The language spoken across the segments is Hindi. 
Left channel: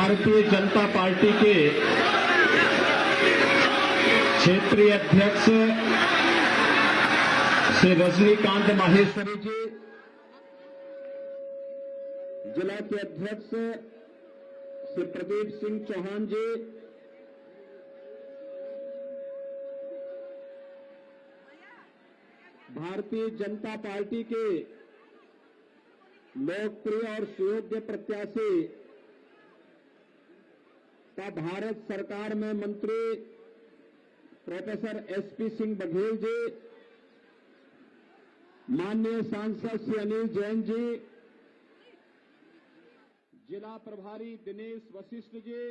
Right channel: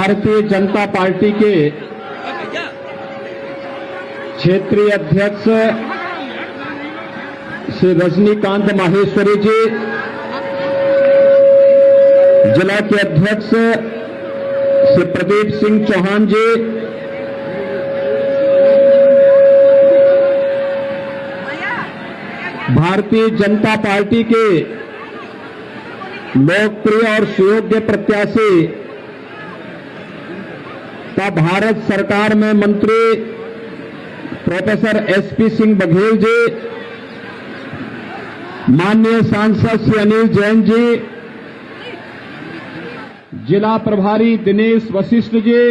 भारतीय जनता पार्टी के क्षेत्रीय अध्यक्ष श्री रजनीकांत माहेश्वरी जी, जिला के अध्यक्ष श्री प्रदीप सिंह चौहान जी, भारतीय जनता पार्टी के लोकप्रिय और सुयोग्य प्रत्याशी तथा भारत सरकार में मंत्री प्रोफेसर एसपी सिंह बघेल जी, माननीय सांसद श्री अनिल जैन जी, जिला प्रभारी दिनेश वशिष्ठ जी,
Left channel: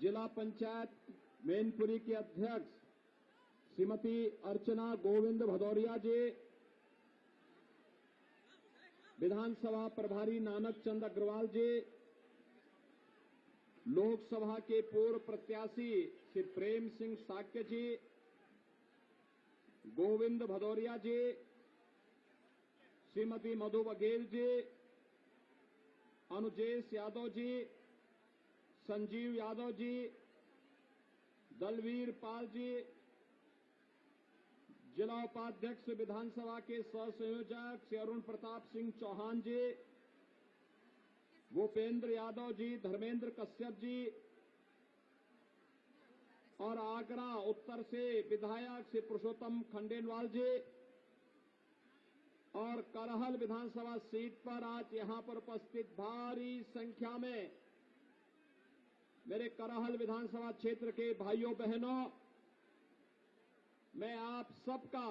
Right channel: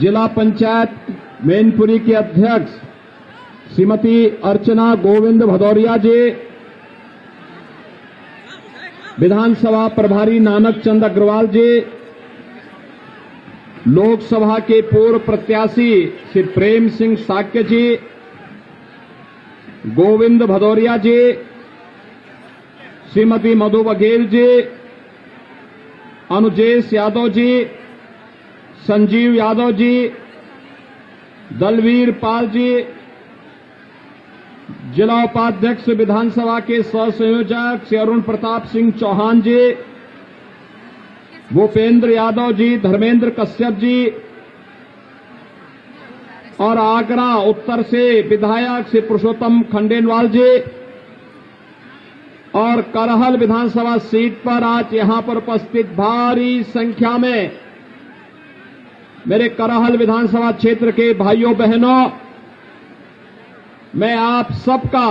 जिला पंचायत मैनपुरी के अध्यक्ष श्रीमती अर्चना गोविंद भदौरिया जी, विधानसभा प्रभारी नानक चंद अग्रवाल जी, लोकसभा के पूर्व प्रत्याशी श्री प्रेम सिंह साक्य जी, गोविंद भदौरिया जी, श्रीमती मधु बघेल जी, अनुजेश यादव जी, संजीव यादव जी, दलवीर पाल जी, जिला उपाध्यक्ष विधानसभा के सह संयोजक श्री अरुण प्रताप सिंह चौहान जी, भूपेंद्र यादव जी, धर्मेंद्र कश्यप जी और आगरा उत्तर से विधायक श्री पुरुषोत्तम खंडेलवाल जी और करहल विधानसभा सीट पर आज यहां पर उपस्थित भारी संख्या में मेरे करहल विधानसभा क्षेत्र के भाइयों बहनों, मैं आप सबका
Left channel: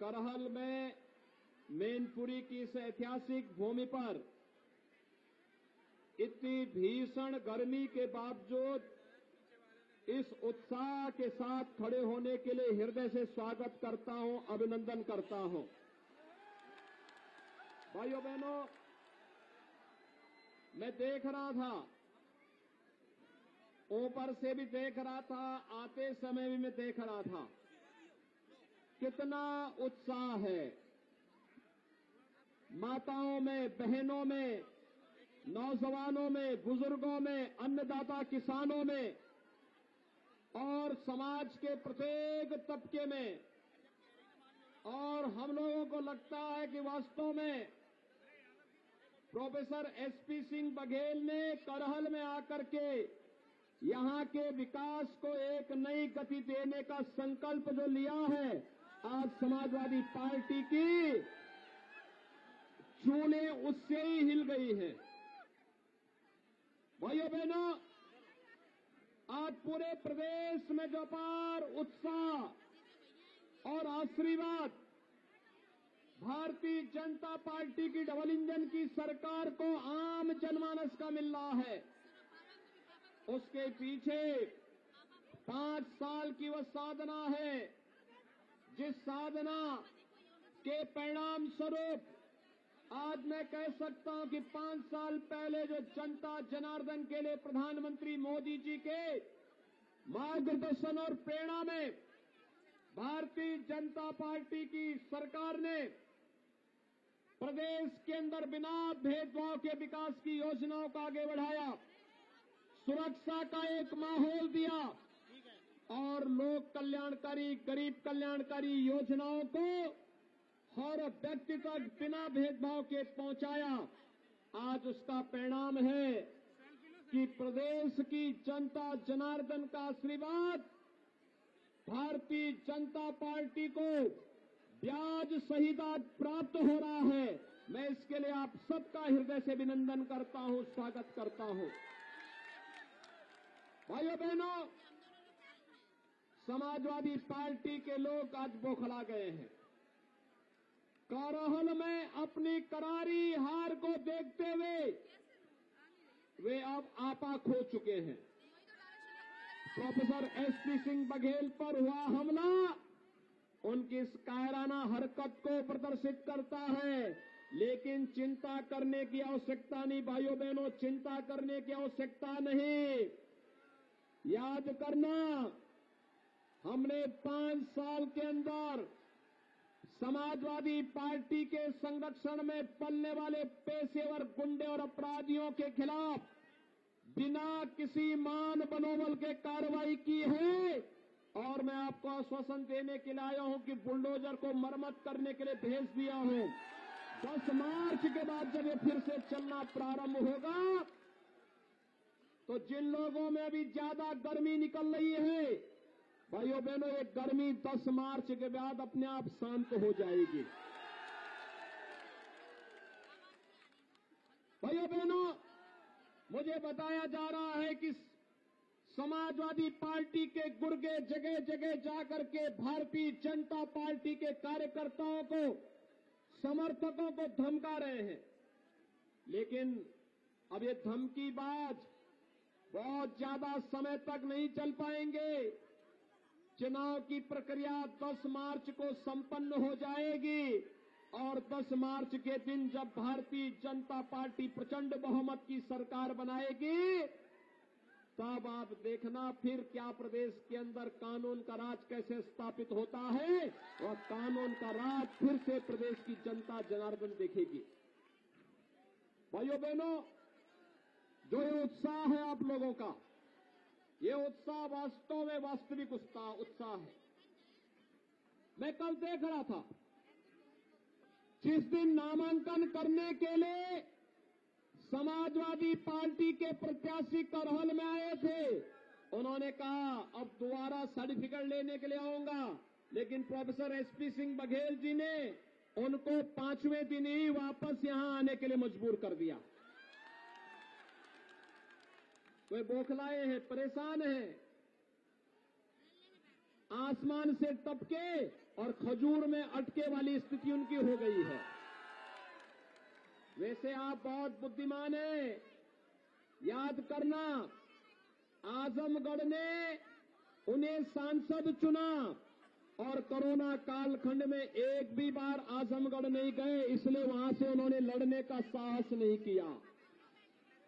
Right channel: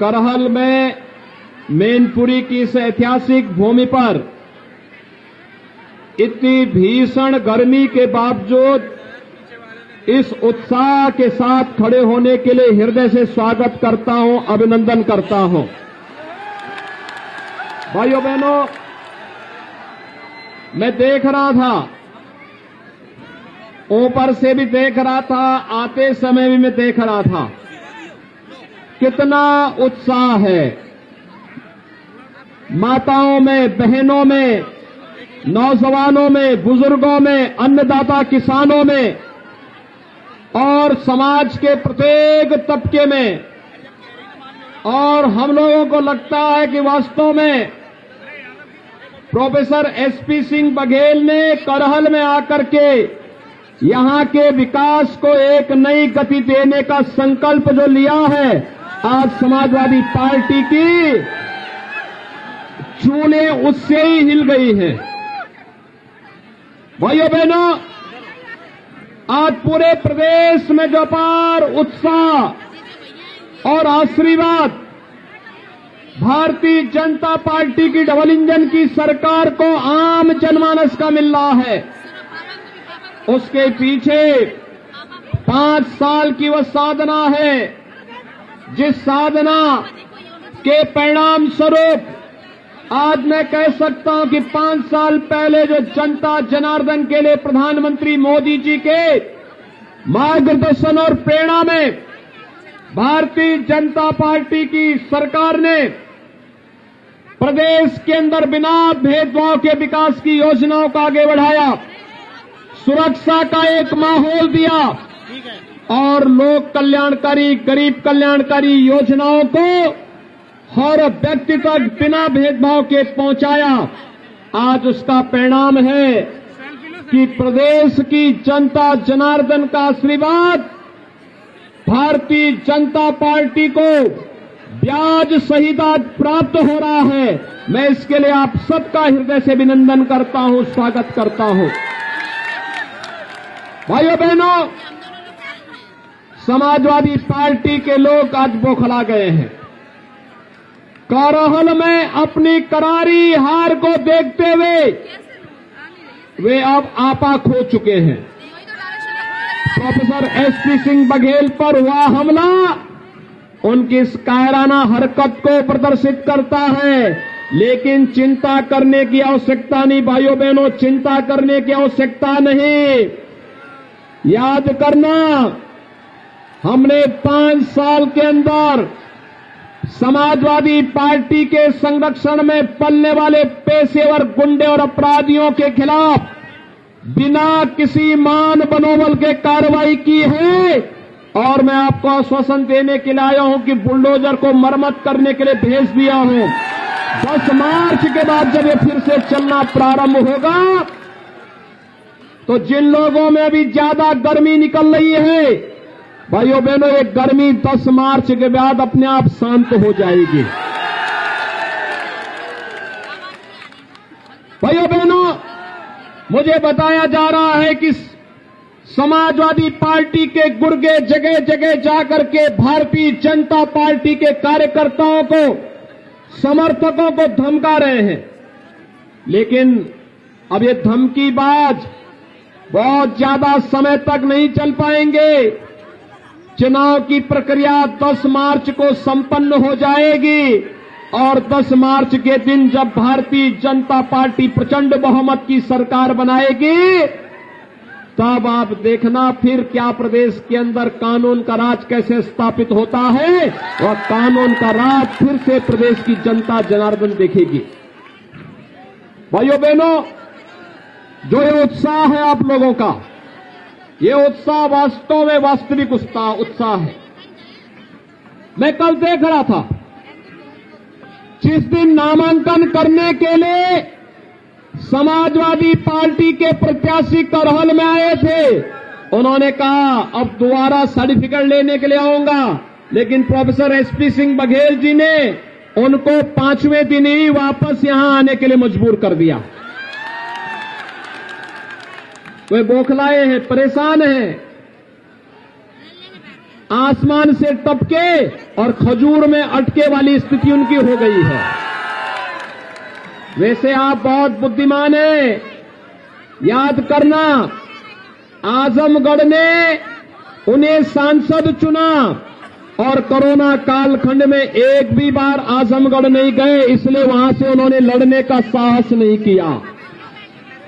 करहल में मैनपुरी की इस ऐतिहासिक भूमि पर इतनी भीषण गर्मी के बावजूद इस उत्साह के साथ खड़े होने के लिए हृदय से स्वागत करता हूं, अभिनंदन करता हूं। भाइयों बहनों, मैं देख रहा था, ऊपर से भी देख रहा था, आते समय भी मैं देख रहा था, कितना उत्साह है माताओं में, बहनों में, नौजवानों में, बुजुर्गों में, अन्नदाता किसानों में और समाज के प्रत्येक तबके में। और हम लोगों को लगता है कि वास्तव में प्रोफेसर एसपी सिंह बघेल ने करहल में आकर के यहां के विकास को एक नई गति देने का संकल्प जो लिया है, आज समाजवादी पार्टी की चूलें उससे ही हिल गई हैं। भाइयों बहनों, आज पूरे प्रदेश में जो अपार उत्साह और आशीर्वाद भारतीय जनता पार्टी की डबल इंजन की सरकार को आम जनमानस का मिल रहा है, उसके पीछे 5 साल की वह साधना है, जिस साधना के परिणाम स्वरूप आज मैं कह सकता हूं कि 5 साल पहले जो जनता जनार्दन के लिए प्रधानमंत्री मोदी जी के मार्गदर्शन और प्रेरणा में भारतीय जनता पार्टी की सरकार ने प्रदेश के अंदर बिना भेदभाव के विकास की योजनाओं को आगे बढ़ाया, सुरक्षा का एक माहौल दिया और लोक कल्याणकारी, गरीब कल्याणकारी योजनाओं को हर व्यक्ति तक बिना भेदभाव के पहुंचाया। आज उसका परिणाम है कि प्रदेश की जनता जनार्दन का आशीर्वाद भारतीय जनता पार्टी को ब्याज सहित आज प्राप्त हो रहा है। मैं इसके लिए आप सबका हृदय से अभिनंदन करता हूं, स्वागत करता हूं। भाइयों बहनों, समाजवादी पार्टी के लोग आज बौखला गए हैं। करहल में अपनी करारी हार को देखते हुए वे अब आपा खो चुके हैं। प्रोफेसर एसपी सिंह बघेल पर हुआ हमला उनकी इस कायराना हरकत को प्रदर्शित करता है, लेकिन चिंता करने की आवश्यकता नहीं भाइयों बहनों, चिंता करने की आवश्यकता नहीं। याद करना, हमने 5 साल के अंदर समाजवादी पार्टी के संरक्षण में पलने वाले पेशेवर गुंडे और अपराधियों के खिलाफ बिना किसी मान मनोबल के कार्रवाई की है। और मैं आपको आश्वासन देने के लिए आया हूं कि बुलडोजर को मरम्मत करने के लिए भेज दिया हूं। 10 मार्च के बाद जब ये फिर से चलना प्रारंभ होगा तो जिन लोगों में अभी ज्यादा गर्मी निकल रही है, भाइयों बहनों, ये गर्मी 10 मार्च के बाद अपने आप शांत हो जाएगी। भाइयों बहनों, मुझे बताया जा रहा है कि समाजवादी पार्टी के गुर्गे जगह जगह जाकर के भारतीय जनता पार्टी के कार्यकर्ताओं को, समर्थकों को धमका रहे हैं। लेकिन अब ये धमकीबाज बहुत ज्यादा समय तक नहीं चल पाएंगे। चुनाव की प्रक्रिया 10 मार्च को संपन्न हो जाएगी और 10 मार्च के दिन जब भारतीय जनता पार्टी प्रचंड बहुमत की सरकार बनाएगी, तब आप देखना फिर क्या प्रदेश के अंदर कानून का राज कैसे स्थापित होता है और कानून का राज फिर से प्रदेश की जनता जनार्दन देखेगी। भाइयों बहनों, जो ये उत्साह है आप लोगों का, ये उत्साह वास्तव में वास्तविक उत्साह है। मैं कल देख रहा था, जिस दिन नामांकन करने के लिए समाजवादी पार्टी के प्रत्याशी करहल में आए थे, उन्होंने कहा अब दोबारा सर्टिफिकेट लेने के लिए आऊंगा, लेकिन प्रोफेसर एसपी सिंह बघेल जी ने उनको 5वें दिन ही वापस यहां आने के लिए मजबूर कर दिया। वे बौखलाए हैं, परेशान हैं, आसमान से टपके और खजूर में अटके वाली स्थिति उनकी हो गई है। वैसे आप बहुत बुद्धिमान हैं, याद करना, आजमगढ़ ने उन्हें सांसद चुना और कोरोना कालखंड में एक भी बार आजमगढ़ नहीं गए, इसलिए वहां से उन्होंने लड़ने का साहस नहीं किया।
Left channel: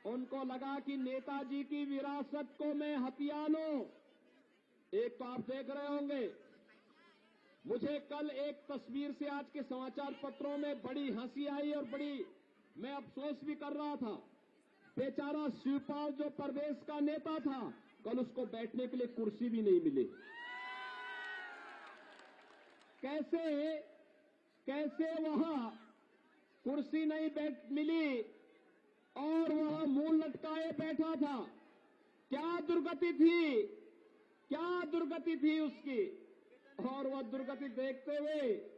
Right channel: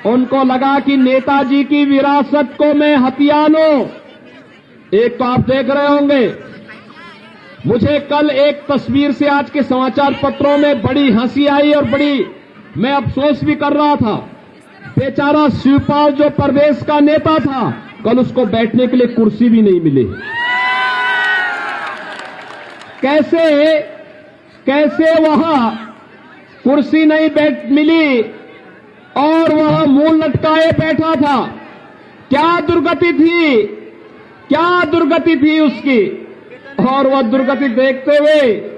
उनको लगा कि नेताजी की विरासत को मैं हथिया लूं। एक तो आप देख रहे होंगे, मुझे कल एक तस्वीर से आज के समाचार पत्रों में बड़ी हंसी आई और बड़ी मैं अफसोस भी कर रहा था। बेचारा शिवपाल जो प्रदेश का नेता था, कल उसको बैठने के लिए कुर्सी भी नहीं मिली। कैसे वहां कुर्सी नहीं मिली और वह मुंह लटकाए बैठा था। क्या दुर्गति थी उसकी। और वह दुर्गति देखते हुए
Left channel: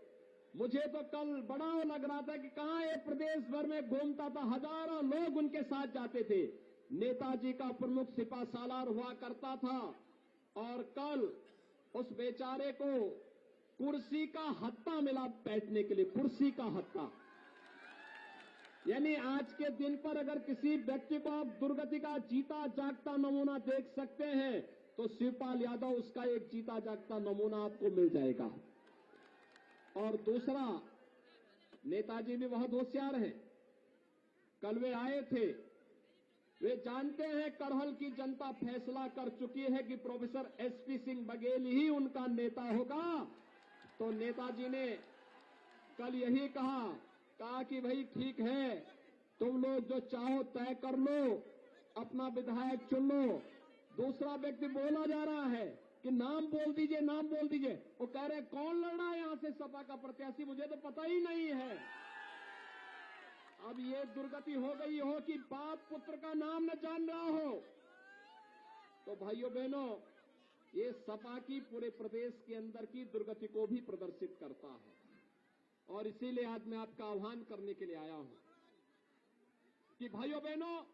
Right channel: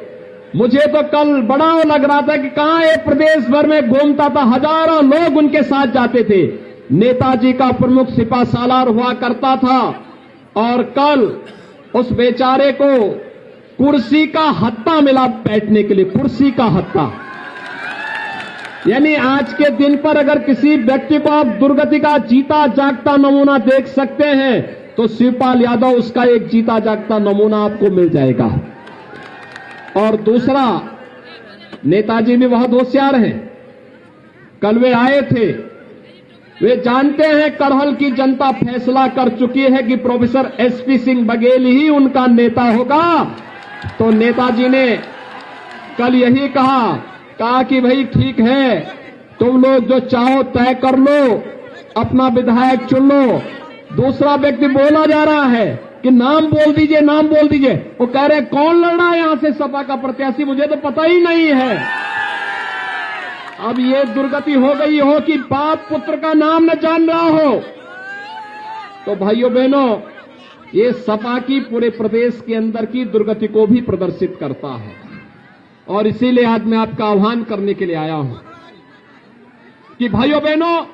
मुझे तो कल बड़ा लग रहा था कि कहां ये प्रदेश भर में घूमता था, हजारों लोग उनके साथ जाते थे। नेताजी का प्रमुख सिपा सालार हुआ करता था और कल उस बेचारे को कुर्सी का हत्था मिला बैठने के लिए, कुर्सी का हत्था। यानी आज के दिन पर अगर किसी व्यक्ति को आप दुर्गति का जीता जागता नमूना देख सकते हैं तो शिवपाल यादव उसका एक जीता जागता नमूना आपको मिल जाएगा। और दूसरा, नेताजी भी बहुत होशियार हैं। कल वे आए थे, वे जानते हैं करहल की जनता फैसला कर चुकी है कि प्रोफेसर एसपी सिंह बघेल ही उनका नेता होगा। तो नेताजी ने कल यही कहा कि भाई ठीक है, तुम लोग जो चाहो तय कर लो, अपना विधायक चुन लो। दूसरा व्यक्ति बोला जा रहा है कि नाम बोल दीजिए, नाम बोल दीजिए। वो कह रहे कौन लड़ रहा है यहां से सपा का प्रत्याशी, मुझे तो पता ही नहीं है। अब ये दुर्गति हो गई हो कि बाप पुत्र का नाम न जान रहा हो। तो भाइयों बहनों, ये सपा की पूरे प्रदेश के अंदर की दुर्गति को भी प्रदर्शित करता है। और इसीलिए आज मैं आपका आह्वान करने के लिए आया हूं कि भाइयों बहनों,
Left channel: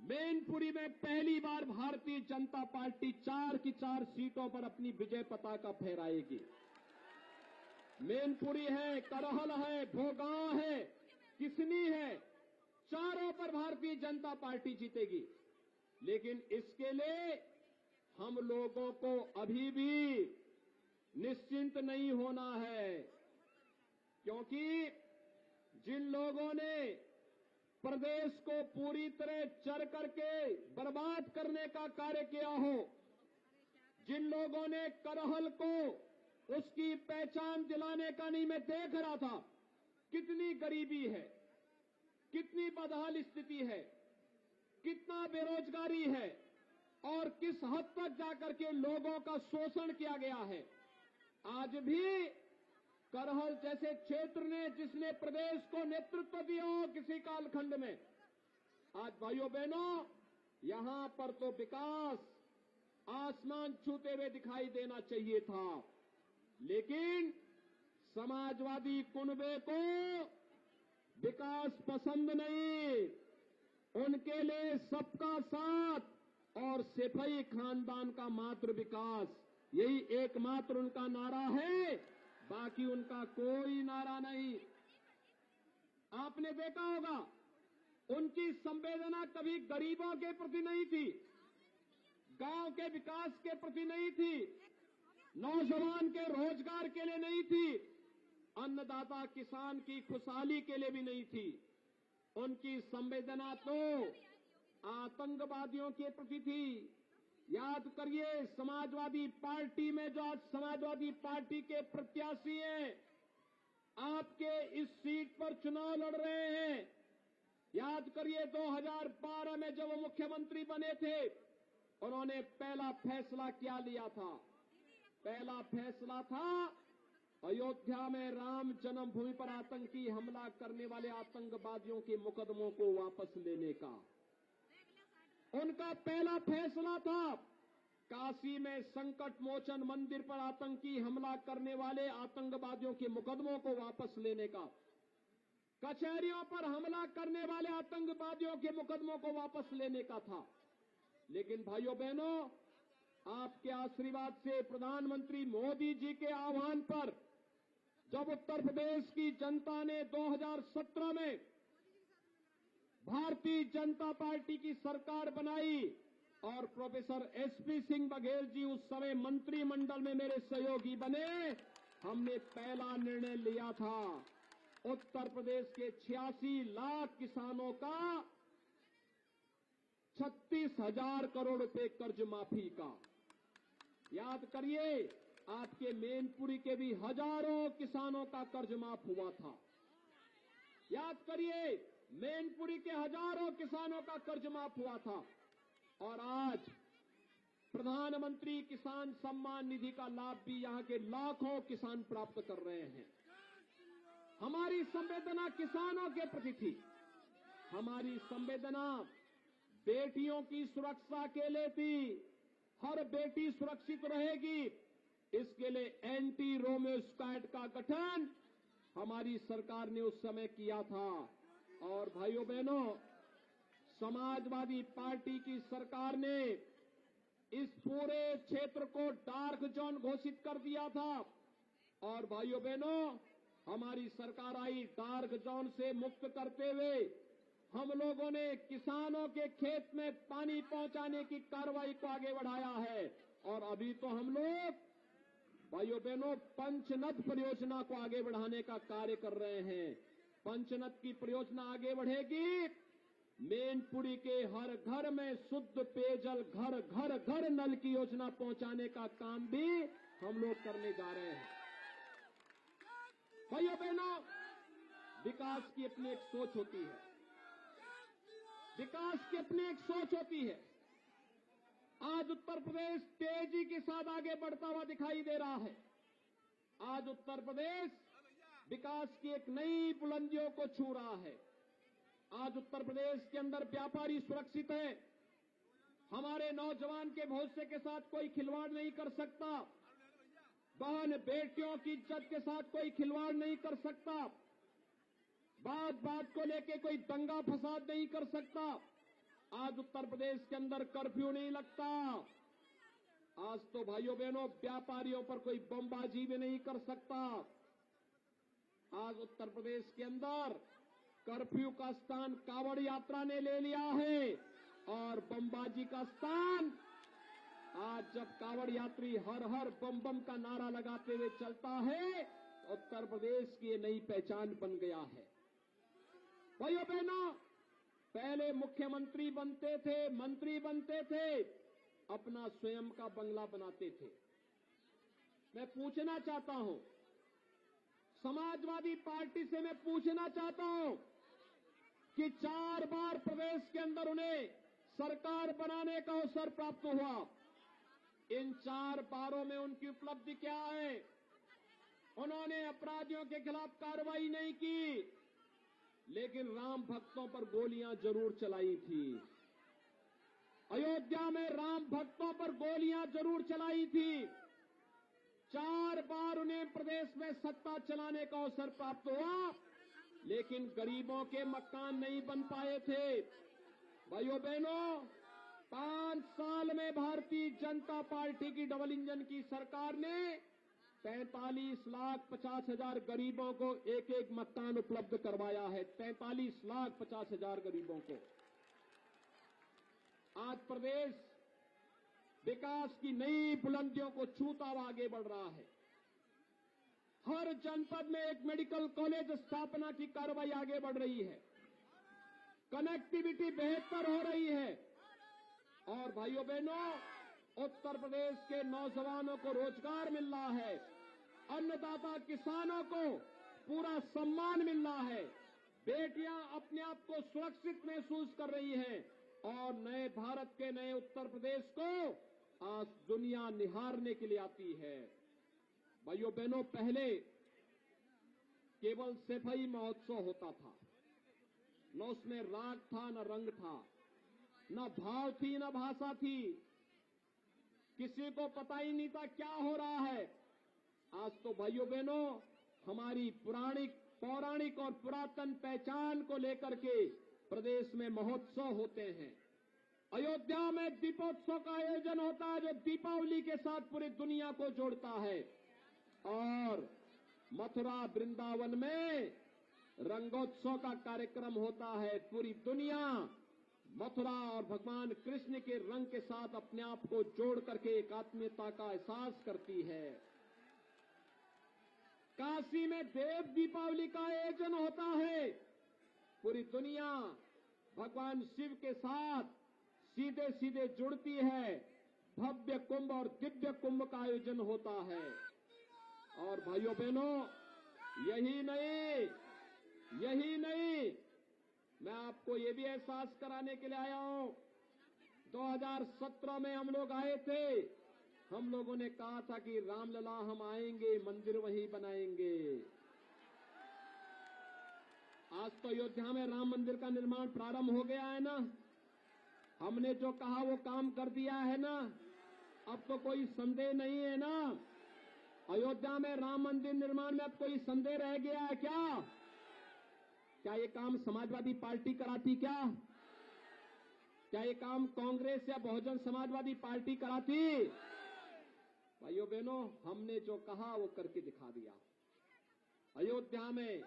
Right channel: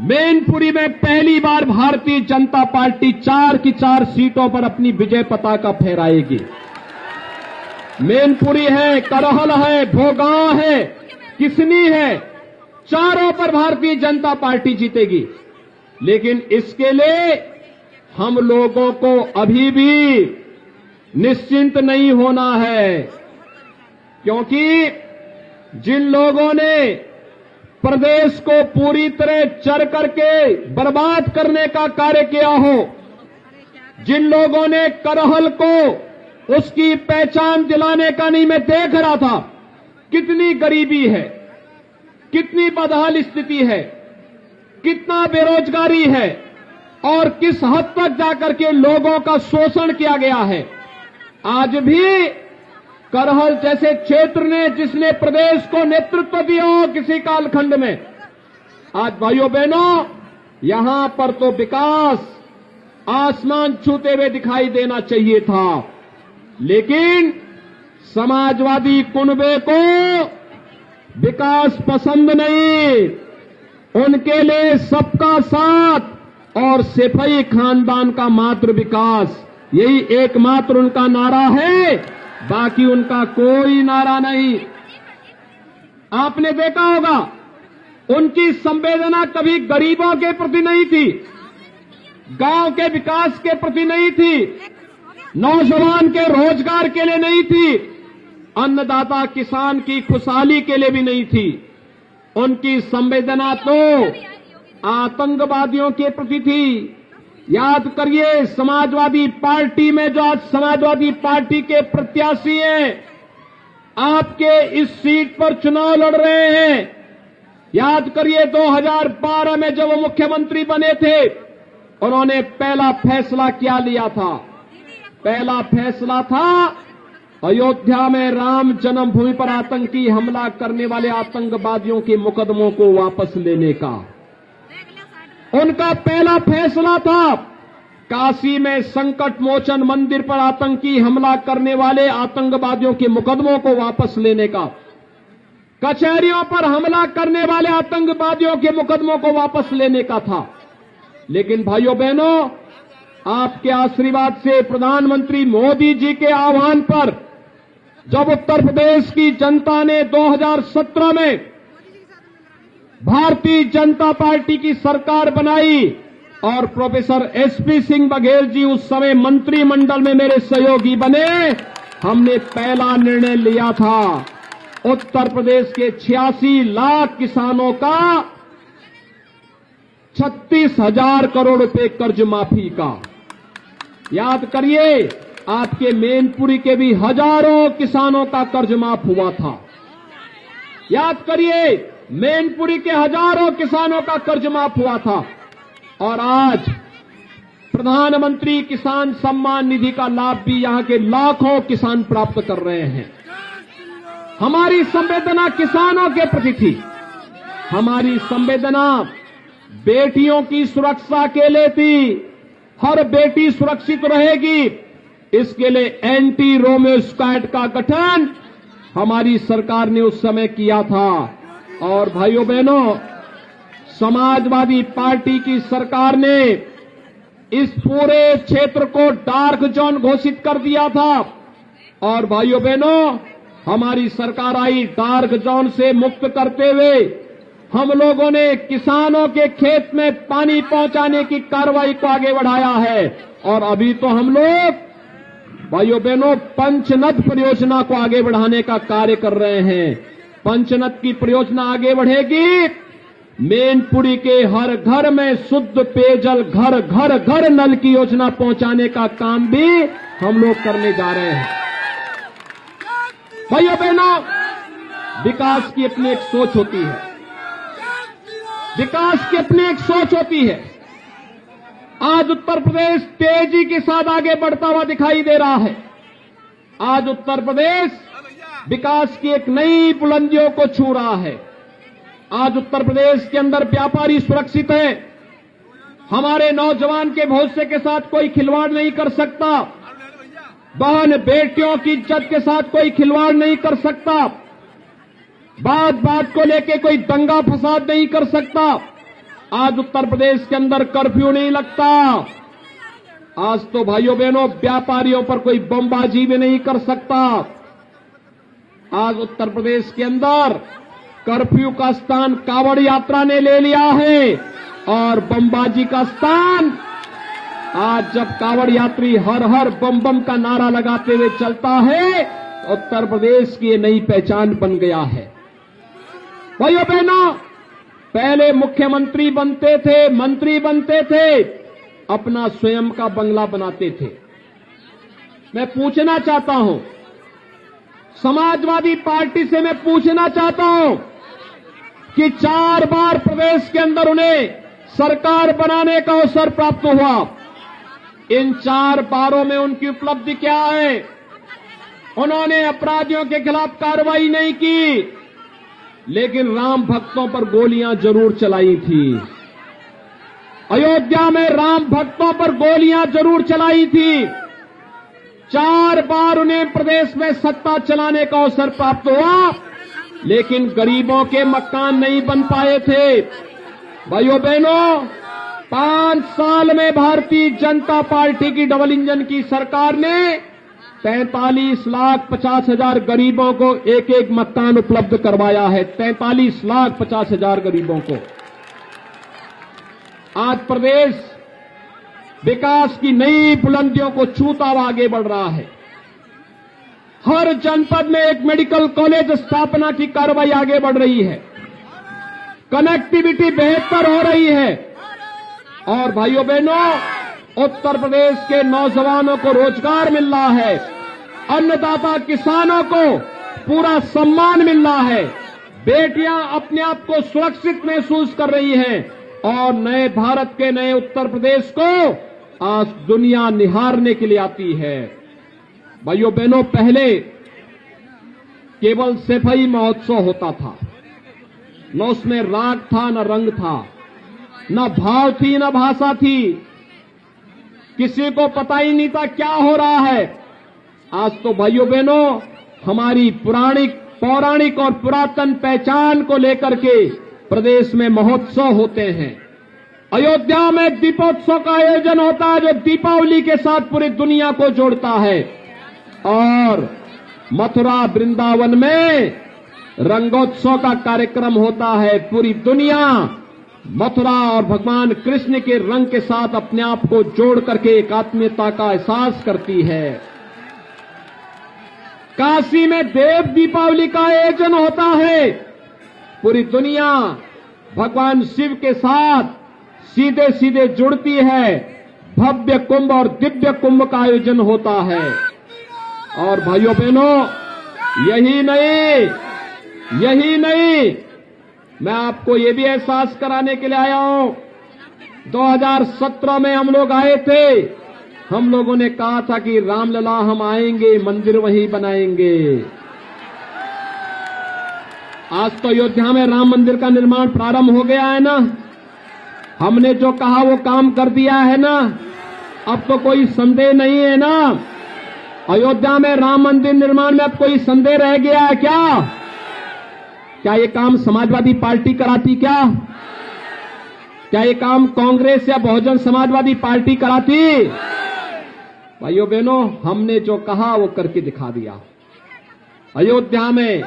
मैनपुरी में पहली बार भारतीय जनता पार्टी 4 की 4 सीटों पर अपनी विजय पताका फहराएगी। मैनपुरी है, करहल है, भोगांव है, किसनी है, चारों पर भारतीय जनता पार्टी जीतेगी। लेकिन इसके लिए हम लोगों को अभी भी निश्चिंत नहीं होना है, क्योंकि जिन लोगों ने प्रदेश को पूरी तरह चर करके बर्बाद करने का कार्य किया हो, जिन लोगों ने करहल को उसकी पहचान दिलाने का नहीं। मैं देख रहा था कितनी गरीबी है, कितनी बदहाल स्थिति है, कितना बेरोजगारी है और किस हद तक जाकर के लोगों का शोषण किया गया है। आज भी करहल जैसे क्षेत्र ने, जिसने प्रदेश को नेतृत्व दिया हो किसी कालखंड में, आज भाइयों बहनों यहां पर तो विकास आसमान छूते हुए दिखाई देना चाहिए था, लेकिन समाजवादी कुनबे को विकास पसंद नहीं। उनके लिए सबका साथ और सिपाही खानदान का मात्र विकास, यही एकमात्र उनका नारा है, बाकी उनका कोई नारा नहीं। आपने देखा होगा उनकी संवेदना कभी गरीबों के प्रति नहीं थी, गांव के विकास के प्रति नहीं थी, नौजवान के रोजगार के लिए नहीं थी, अन्नदाता किसान की खुशहाली के लिए भी नहीं थी। उनकी संवेदना तो आतंकवादियों के प्रति थी। याद करिए समाजवादी पार्टी में जो आज समाजवादी पार्टी के प्रत्याशी हैं, आपके इस सीट पर चुनाव लड़ रहे हैं, याद करिए 2012 में जब वो मुख्यमंत्री बने थे, उन्होंने पहला फैसला क्या लिया था? पहला फैसला था अयोध्या में राम जन्मभूमि पर आतंकी हमला करने वाले आतंकवादियों के मुकदमों को वापस लेने का। उनका पहला फैसला था काशी में संकट मोचन मंदिर पर आतंकी हमला करने वाले आतंकवादियों के मुकदमों को वापस लेने का, कचहरियों पर हमला करने वाले आतंकवादियों के मुकदमों को वापस लेने का था। लेकिन भाइयों बहनों, आपके आशीर्वाद से, प्रधानमंत्री मोदी जी के आह्वान पर, जब उत्तर प्रदेश की जनता ने 2017 में भारतीय जनता पार्टी की सरकार बनाई और प्रोफेसर एसपी सिंह बघेल जी उस समय मंत्रिमंडल में मेरे सहयोगी बने, हमने पहला निर्णय लिया था उत्तर प्रदेश के 86 लाख किसानों का 36,000 करोड़ रुपए कर्ज माफी का। याद करिए आपके मैनपुरी के भी हजारों किसानों का कर्ज माफ हुआ था। याद करिए मैनपुरी के हजारों किसानों का कर्ज माफ हुआ था। और आज प्रधानमंत्री किसान सम्मान निधि का लाभ भी यहां के लाखों किसान प्राप्त कर रहे हैं। हमारी संवेदना किसानों के प्रति थी, हमारी संवेदना बेटियों की सुरक्षा के लिए थी। हर बेटी सुरक्षित रहेगी, इसके लिए एंटी रोमियो स्क्वाड का गठन हमारी सरकार ने उस समय किया था। और भाइयों बहनों, समाजवादी पार्टी की सरकार ने इस पूरे क्षेत्र को डार्क जोन घोषित कर दिया था। और भाइयों बहनों, हमारी सरकार आई, डार्क जोन से मुक्त करते हुए हम लोगों ने किसानों के खेत में पानी पहुंचाने की कार्रवाई को आगे बढ़ाया है। और अभी तो हम लोग भाइयों बहनों पंचनद परियोजना को आगे बढ़ाने का कार्य कर रहे हैं। पंचनद की परियोजना आगे बढ़ेगी, मैनपुरी के हर घर में शुद्ध पेयजल, घर घर घर नल की योजना पहुंचाने का काम भी हम लोग करने जा रहे हैं। भाइयों बहनों, विकास की अपनी एक सोच होती है, विकास की अपनी एक सोच होती है। आज उत्तर प्रदेश तेजी के साथ आगे बढ़ता हुआ दिखाई दे रहा है। आज उत्तर प्रदेश विकास की एक नई बुलंदियों को छू रहा है। आज उत्तर प्रदेश के अंदर व्यापारी सुरक्षित है, हमारे नौजवान के भविष्य के साथ कोई खिलवाड़ नहीं कर सकता, बहन बेटियों की इज्जत के साथ कोई खिलवाड़ नहीं कर सकता, बात बात को लेके कोई दंगा फसाद नहीं कर सकता। आज उत्तर प्रदेश के अंदर कर्फ्यू नहीं लगता। आज तो भाइयों बहनों व्यापारियों पर कोई बमबाजी भी नहीं कर सकता। आज उत्तर प्रदेश के अंदर कर्फ्यू का स्थान कांवड़ यात्रा ने ले लिया है और बमबाजी का स्थान आज जब कांवड़ यात्री हर हर बम बम का नारा लगाते हुए चलता है, तो उत्तर प्रदेश की नई पहचान बन गया है। भाइयों बहनों, पहले मुख्यमंत्री बनते थे, मंत्री बनते थे, अपना स्वयं का बंगला बनाते थे। मैं पूछना चाहता हूं, समाजवादी पार्टी से मैं पूछना चाहता हूं कि 4 बार प्रदेश के अंदर उन्हें सरकार बनाने का अवसर प्राप्त हुआ। इन 4 बारों में उनकी उपलब्धि क्या है? उन्होंने अपराधियों के खिलाफ कार्रवाई नहीं की, लेकिन राम भक्तों पर गोलियां जरूर चलाई थी। अयोध्या में राम भक्तों पर गोलियां जरूर चलाई थी। 4 बार उन्हें प्रदेश में सत्ता चलाने का अवसर प्राप्त हुआ, लेकिन गरीबों के मकान नहीं बन पाए थे। भाइयों बहनों, 5 साल में भारतीय जनता पार्टी की डबल इंजन की सरकार ने 43,50,000 गरीबों को एक एक मकान उपलब्ध करवाया है। 43,50,000 गरीबों को। आज प्रदेश विकास की नई बुलंदियों को छूता हुआ आगे बढ़ रहा है। हर जनपद में एक मेडिकल कॉलेज स्थापना की कार्रवाई आगे बढ़ रही है। कनेक्टिविटी बेहतर हो रही है। और भाइयों बहनों, उत्तर प्रदेश के नौजवानों को रोजगार मिल रहा है। अन्नदाता किसानों को पूरा सम्मान मिल रहा है। बेटियां अपने आप को सुरक्षित महसूस कर रही हैं और नए भारत के नए उत्तर प्रदेश को आज दुनिया निहारने के लिए आती है। भाइयों बहनों, पहले केवल सफाई महोत्सव होता था। न उसमें राग था, न रंग था, न भाव थी, न भाषा थी। किसी को पता ही नहीं था क्या हो रहा है। आज तो भाइयों बहनों, हमारी पौराणिक और पुरातन पहचान को लेकर के प्रदेश में महोत्सव होते हैं। अयोध्या में दीपोत्सव का आयोजन होता है, जो दीपावली के साथ पूरी दुनिया को जोड़ता है। और मथुरा वृंदावन में रंगोत्सव का कार्यक्रम होता है। पूरी दुनिया मथुरा और भगवान कृष्ण के रंग के साथ अपने आप को जोड़ करके एक आत्मीयता का एहसास करती है। काशी में देव दीपावली का आयोजन होता है। पूरी दुनिया भगवान शिव के साथ सीधे सीधे जुड़ती है। भव्य कुंभ और दिव्य कुंभ का आयोजन होता है। और भाइयों बहनों, यही नहीं, मैं आपको ये भी एहसास कराने के लिए आया हूं। 2017 में हम लोग आए थे। हम लोगों ने कहा था कि रामलला हम आएंगे, मंदिर वहीं बनाएंगे। आज तो अयोध्या में राम मंदिर का निर्माण प्रारंभ हो गया है ना। हमने जो कहा वो काम कर दिया है ना। अब तो कोई संदेह नहीं है ना। अयोध्या में राम मंदिर निर्माण में अब कोई संदेह रह गया है क्या? क्या ये काम समाजवादी पार्टी कराती? क्या ये काम कांग्रेस या बहुजन समाजवादी पार्टी कराती? भाइयों बहनों, हमने जो कहा वो करके दिखा दिया। अयोध्या में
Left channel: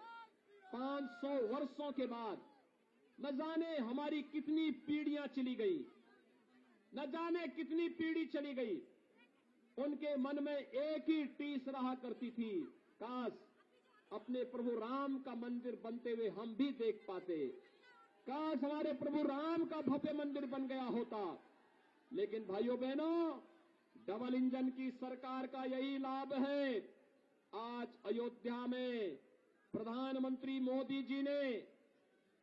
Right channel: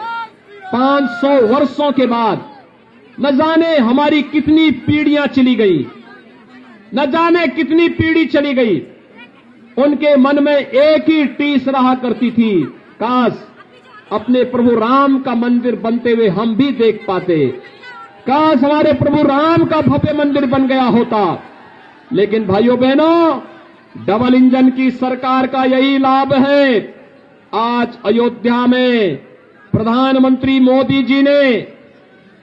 500 वर्षों के बाद न जाने हमारी कितनी पीढ़ियां चली गई, न जाने कितनी पीढ़ी चली गई। उनके मन में एक ही टीस रहा करती थी, काश अपने प्रभु राम का मंदिर बनते हुए हम भी देख पाते। काश हमारे प्रभु राम का भव्य मंदिर बन गया होता। लेकिन भाइयों बहनों, डबल इंजन की सरकार का यही लाभ है। आज अयोध्या में प्रधानमंत्री मोदी जी ने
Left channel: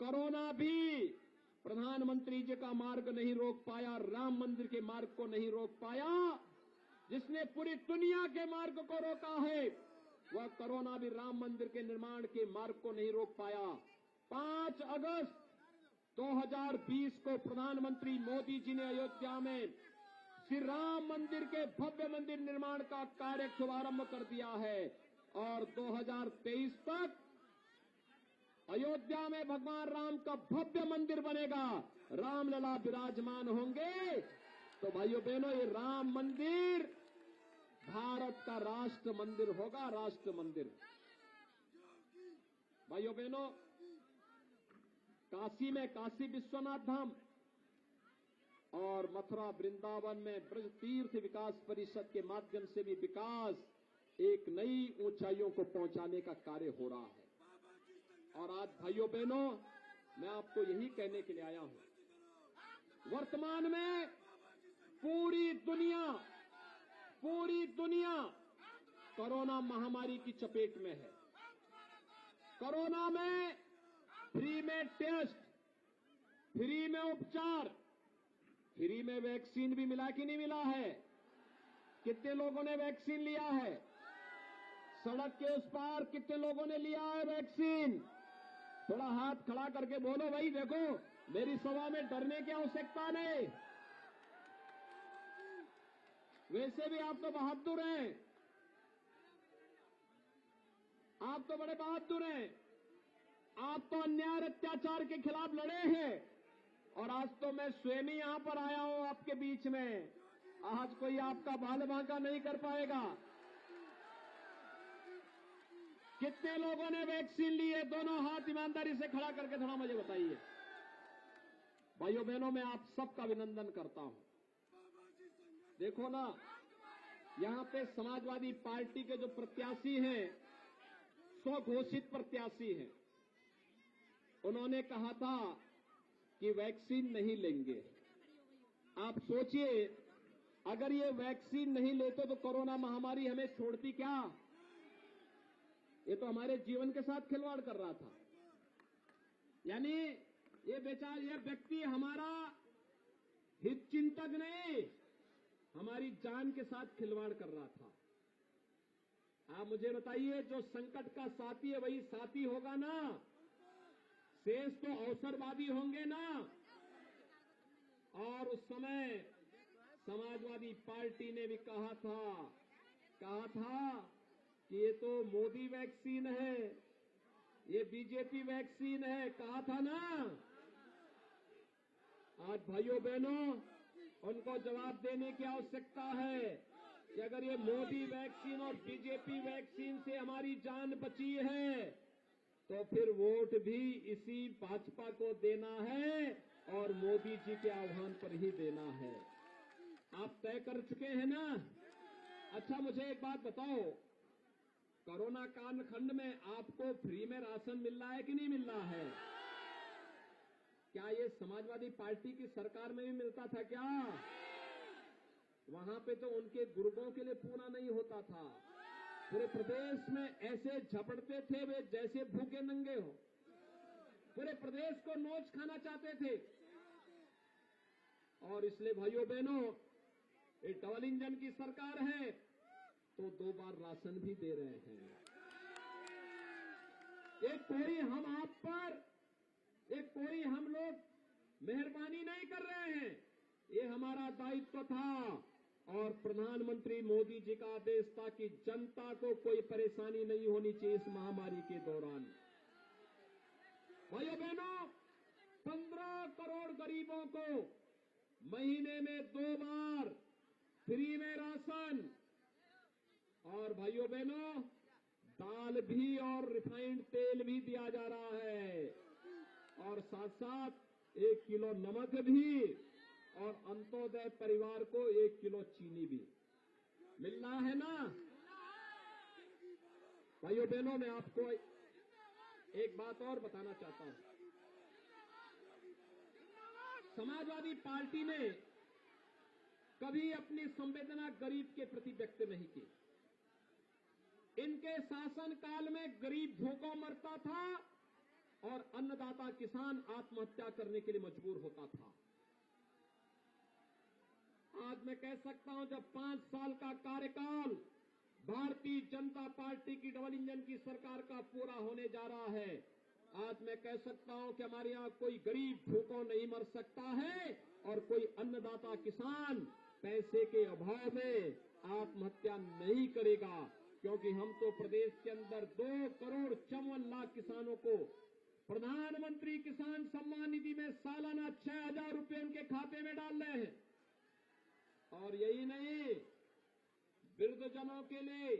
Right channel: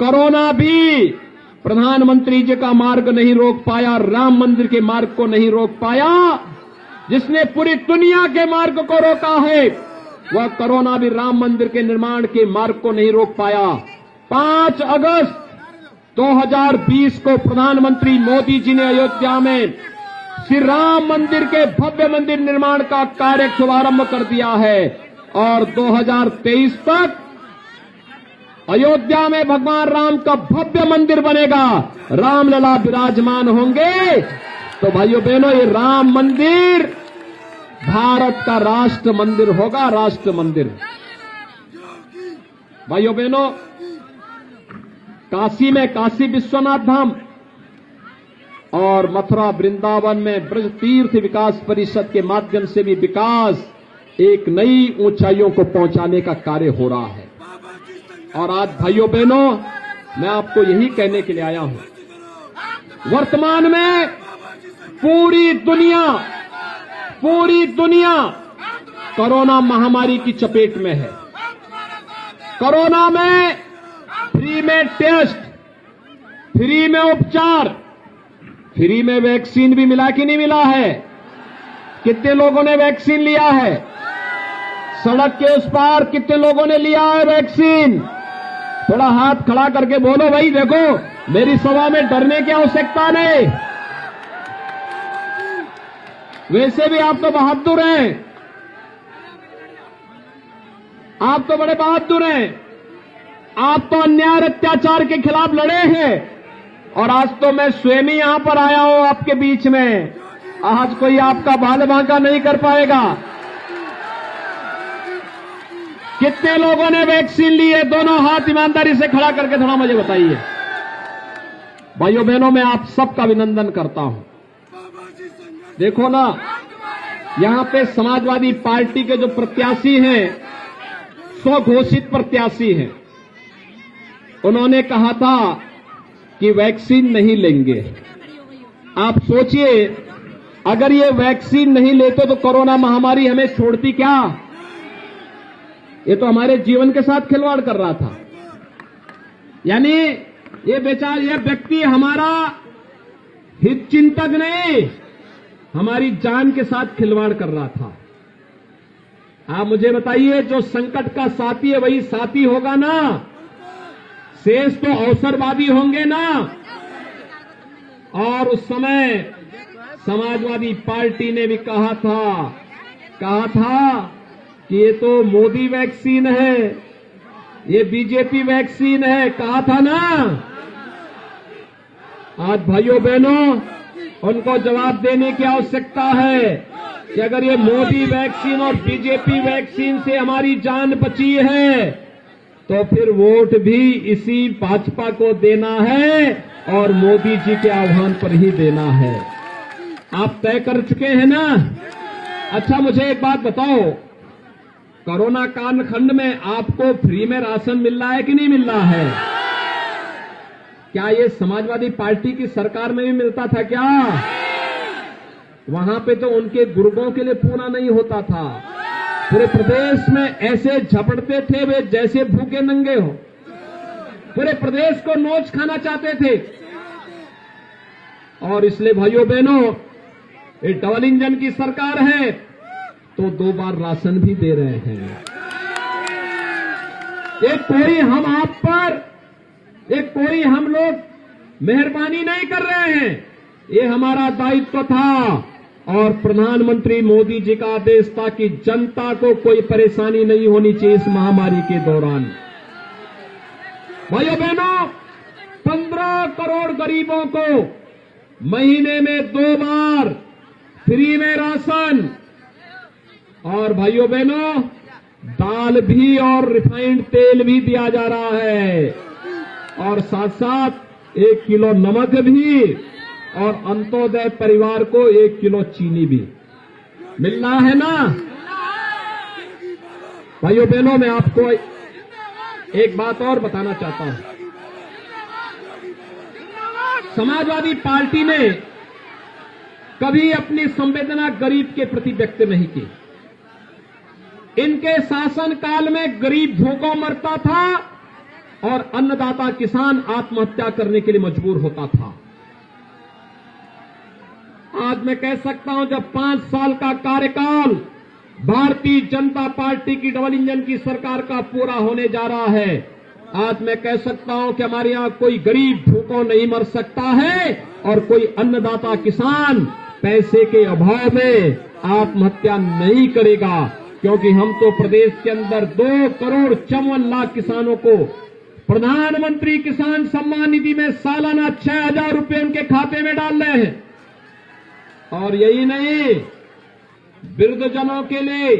कोरोना भी प्रधानमंत्री जी का मार्ग नहीं रोक पाया, राम मंदिर के मार्ग को नहीं रोक पाया। जिसने पूरी दुनिया के मार्ग को रोका है, वह कोरोना भी राम मंदिर के निर्माण के मार्ग को नहीं रोक पाया। 5 अगस्त 2020 को प्रधानमंत्री मोदी जी ने अयोध्या में श्री राम मंदिर के भव्य मंदिर निर्माण का कार्य शुभारंभ कर दिया है। और 2023 तक अयोध्या में भगवान राम का भव्य मंदिर बनेगा, रामलला विराजमान होंगे। तो भाइयों बहनों, ये राम मंदिर भारत का राष्ट्र मंदिर होगा, राष्ट्र मंदिर। भाइयों बहनों, काशी में काशी विश्वनाथ धाम और मथुरा वृंदावन में ब्रज तीर्थ विकास परिषद के माध्यम से भी विकास एक नई ऊंचाइयों को पहुंचाने का कार्य हो रहा है। और आज भाइयों बहनों, मैं आपको यही कहने के लिए आया हूं। वर्तमान में पूरी दुनिया कोरोना महामारी की चपेट में है। कोरोना में फ्री में टेस्ट, फ्री में उपचार, फ्री में वैक्सीन भी मिला कि नहीं मिला है? कितने लोगों ने वैक्सीन लिया है? सड़क के उस पार कितने लोगों ने लिया है वैक्सीन? थोड़ा हाथ खड़ा करके बोलो भाई, देखो मेरी सभा में डरने की आवश्यकता नहीं। वैसे भी आप तो बहादुर हैं, आप तो बड़े बहादुर हैं। आप तो अन्याय अत्याचार के खिलाफ लड़े हैं और आज तो मैं स्वयं ही यहां पर आया हूं आपके बीच में। आज कोई आपका बाल बांका नहीं कर पाएगा। कितने लोगों ने वैक्सीन ली है? दोनों हाथ ईमानदारी से खड़ा करके थोड़ा मुझे बताइए। भाइयों बहनों, मैं आप सबका अभिनंदन करता हूं। देखो ना, यहां पे समाजवादी पार्टी के जो प्रत्याशी हैं, स्वघोषित प्रत्याशी हैं, उन्होंने कहा था कि वैक्सीन नहीं लेंगे। आप सोचिए, अगर ये वैक्सीन नहीं लेते तो कोरोना महामारी हमें छोड़ती क्या? ये तो हमारे जीवन के साथ खिलवाड़ कर रहा था। यानी ये व्यक्ति हमारा हित चिंतक नहीं, हमारी जान के साथ खिलवाड़ कर रहा था। आप मुझे बताइए, जो संकट का साथी है वही साथी होगा ना? शेष तो अवसरवादी होंगे ना? और उस समय समाजवादी पार्टी ने भी कहा था कि ये तो मोदी वैक्सीन है, ये बीजेपी वैक्सीन है, कहा था ना? आज भाइयों बहनों, उनको जवाब देने की आवश्यकता है कि अगर ये मोदी वैक्सीन और बीजेपी वैक्सीन से हमारी जान बची है तो फिर वोट भी इसी भाजपा को देना है और मोदी जी के आह्वान पर ही देना है। आप तय कर चुके हैं ना? अच्छा, मुझे एक बात बताओ, कोरोना कालखंड में आपको फ्री में राशन मिल रहा है कि नहीं मिल रहा है? क्या ये समाजवादी पार्टी की सरकार में भी मिलता था क्या? वहां पे तो उनके गुर्गों के लिए पूरा नहीं होता था। पूरे प्रदेश में ऐसे झपटते थे वे जैसे भूखे नंगे हो। पूरे प्रदेश को नोच खाना चाहते थे। और इसलिए भाइयों बहनों, ये डबल इंजन की सरकार है तो 2 बार राशन भी दे रहे हैं। कोई हम आप पर, कोई हम लोग मेहरबानी नहीं कर रहे हैं। ये हमारा दायित्व था और प्रधानमंत्री मोदी जी का आदेश था कि जनता को कोई परेशानी नहीं होनी चाहिए इस महामारी के दौरान। भाइयों बहनों, 15 करोड़ गरीबों को महीने में 2 बार फ्री में राशन, और भाइयों बहनों, दाल भी और रिफाइंड तेल भी दिया जा रहा है, और साथ साथ 1 किलो नमक भी, और अंत्योदय परिवार को 1 किलो चीनी भी मिल रहा है ना? भाइयों बहनों, मैं आपको एक बात और बताना चाहता हूं। समाजवादी पार्टी ने कभी अपनी संवेदना गरीब के प्रति व्यक्त नहीं की। इनके शासन काल में गरीब भूखों मरता था और अन्नदाता किसान आत्महत्या करने के लिए मजबूर होता था। आज मैं कह सकता हूं, जब 5 साल का कार्यकाल भारतीय जनता पार्टी की डबल इंजन की सरकार का पूरा होने जा रहा है, आज मैं कह सकता हूं कि हमारे यहां कोई गरीब भूखों नहीं मर सकता है और कोई अन्नदाता किसान पैसे के अभाव में आत्महत्या नहीं करेगा, क्योंकि हम तो प्रदेश के अंदर 2 करोड़ 54 लाख किसानों को प्रधानमंत्री किसान सम्मान निधि में सालाना 6,000 रुपए उनके खाते में डाल रहे हैं। और यही नहीं, वृद्धजनों के लिए,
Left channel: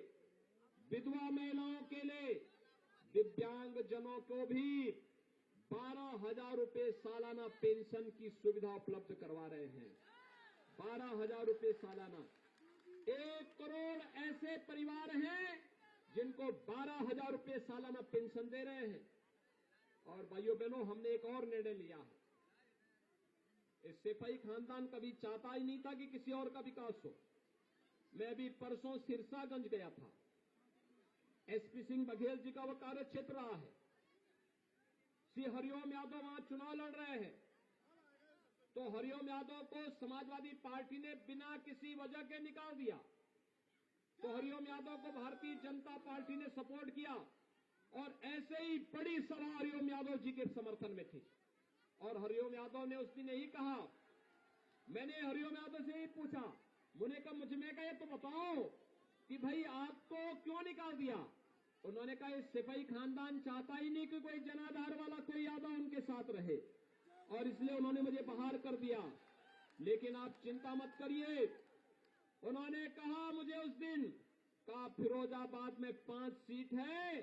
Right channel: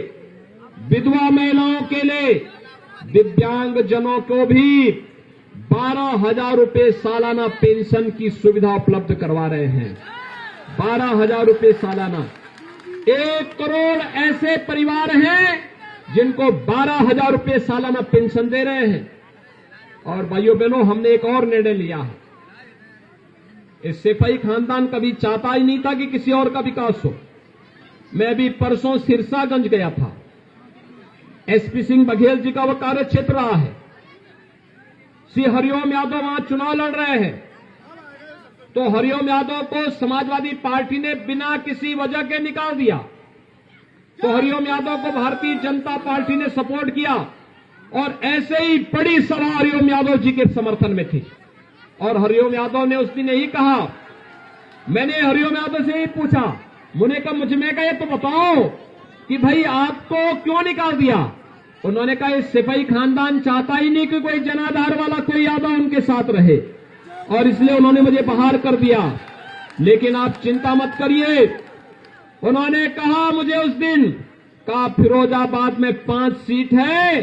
विधवा महिलाओं के लिए, दिव्यांग जनों को भी 12,000 रुपए सालाना पेंशन की सुविधा उपलब्ध करवा रहे हैं। 12,000 रुपए सालाना। 1 करोड़ ऐसे परिवार हैं जिनको 12,000 रुपए सालाना पेंशन दे रहे हैं। और भाइयों बहनों, हमने एक और निर्णय लिया है। इस सिपाही खानदान कभी चाहता ही नहीं था कि किसी और का विकास हो। मैं भी परसों सिरसागंज गया था। एसपी सिंह बघेल जी का वो कार्य क्षेत्र रहा है। श्री हरिओम यादव वहां चुनाव लड़ रहे हैं, तो हरिओम यादव को समाजवादी पार्टी ने बिना किसी वजह के निकाल दिया। तो हरिओम यादव को भारतीय जनता पार्टी ने सपोर्ट किया और ऐसे ही बड़ी सभा हरिओम यादव जी के समर्थन में थी। और हरिओम यादव ने उस दिन यही कहा, मैंने हरिओम यादव से यही पूछा, मुझे कहा ये तो बताओ कि भाई आपको क्यों निकाल दिया। उन्होंने कहा इस सिपाही खानदान चाहता ही नहीं कि कोई जनाधार वाला कोई यादव उनके साथ रहे, और इसलिए उन्होंने मुझे बाहर कर दिया। लेकिन आप चिंता मत करिए, उन्होंने कहा मुझे उस दिन, कहा फिरोजाबाद में 5 सीट है,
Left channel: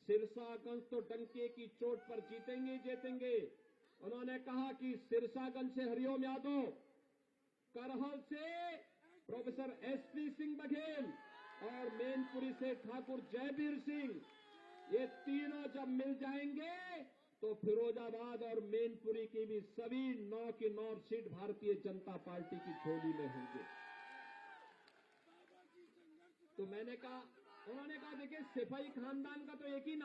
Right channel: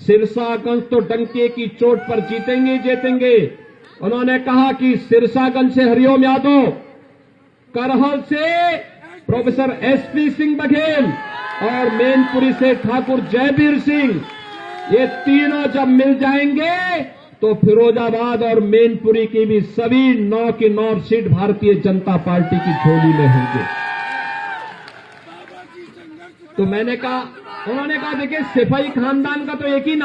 सिरसागंज तो डंके की चोट पर जीतेंगे। उन्होंने कहा कि सिरसागंज से हरिओम यादव, करहल से प्रोफेसर एसपी सिंह बघेल और मैनपुरी से ठाकुर जयवीर सिंह, ये तीनों जब मिल जाएंगे तो फिरोजाबाद और मैनपुरी की भी सभी 9 की 9 सीट भारतीय जनता पार्टी की झोली में होंगे। तो मैंने कहा, उन्होंने कहा देखिए सिपाही खानदान का तो एक ही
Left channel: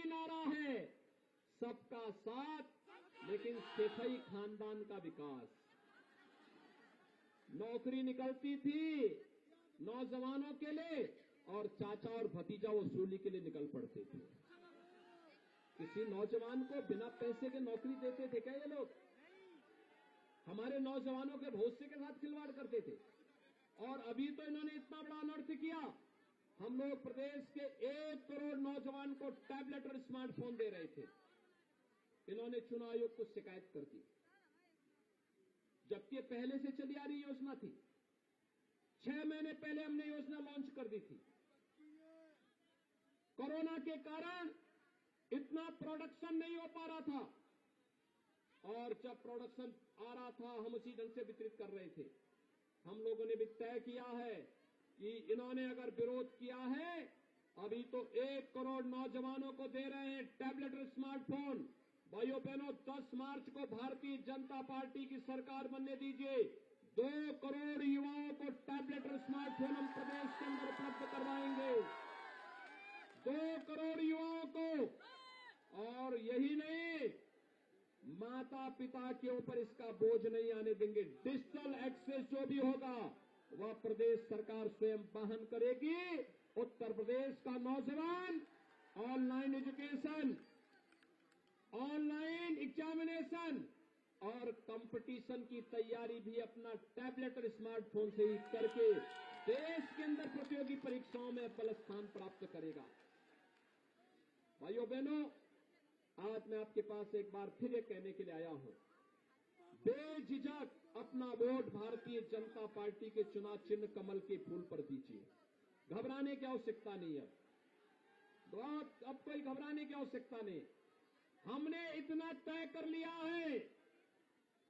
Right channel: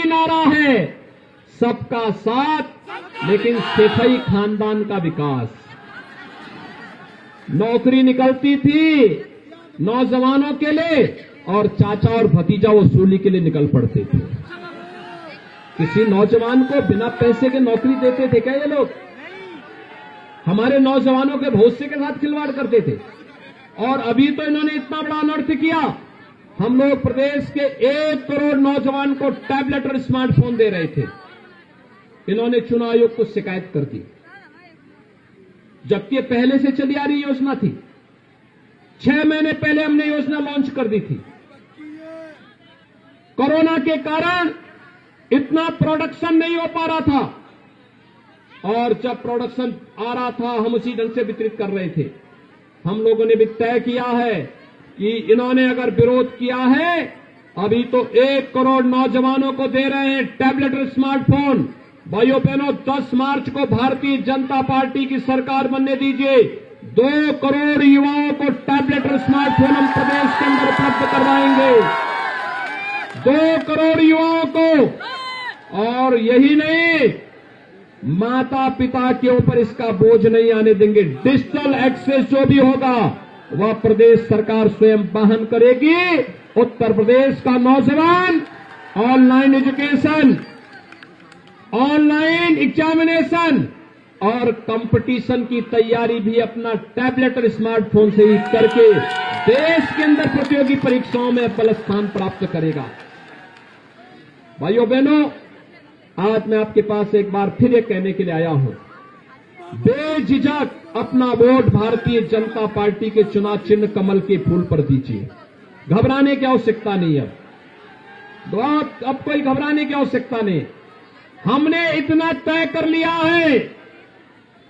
नारा है, सबका साथ लेकिन सिपाही खानदान का विकास। नौकरी निकलती थी नौजवानों के लिए और चाचा और भतीजा वसूली के लिए निकल पड़ते थे। किसी नौजवान को बिना पैसे के नौकरी देते थे क्या ये लोग? हमारे नौजवानों के भविष्य के साथ खिलवाड़ करते थे। और अभी तो इन्होंने इतना बड़ा अनर्थ किया, हम लोग प्रदेश के 1 करोड़ नौजवान को टैबलेट और स्मार्टफोन दे रहे थे। इन्होंने चुनाव आयोग को शिकायत कर दी, जबकि ये पहले से चली आ रही योजना थी। 6 महीने पहले हमने योजना लॉन्च कर दी थी। कोरोना के कारण इतना प्रोडक्शन नहीं हो पा रहा था, और जब प्रोडक्शन आ रहा था हम उसी ढंग से वितरित कर रहे थे। हम लोगों ने भी तय किया है कि इन्होंने अगर विरोध किया है, अभी तो 1 करोड़ नौजवानों को दे रहे हैं टैबलेट और स्मार्टफोन। भाइयों बहनों, 10 मार्च को भारतीय जनता पार्टी की सरकार बनने दीजिए, 2 करोड़ युवाओं को टैबलेट और स्मार्टफोन हम प्रदेश के अंदर उपलब्ध करवाएंगे, 2 करोड़ युवाओं को। और यही नहीं, माता पिता के ऊपर इसका बोझ नहीं आने देंगे। डिजिटल एक्सेस जो भी होगा वह प्रदेश सरकार स्वयं वहन करेगी। उत्तर प्रदेश का नौजवान ऑनलाइन एजुकेशन, ऑनलाइन एग्जामिनेशन और कंपटीशन की तैयारी भी अपना टैबलेट और स्मार्टफोन से ही करके देश के अंदर प्रतियोगी परीक्षाओं में पहला स्थान प्राप्त करेगा। भाइयों बहनों, आज मैं आपके पास एक बार फिर ये कहने के लिए आया हूं, बेझिझक अपना वोट भारतीय जनता पार्टी के चुनाव चिन्ह कमल के फूल पर दीजिए। घबराने की आवश्यकता नहीं है, अब कोई घबराने की आवश्यकता नहीं। हमने इतना तय कर लिया है,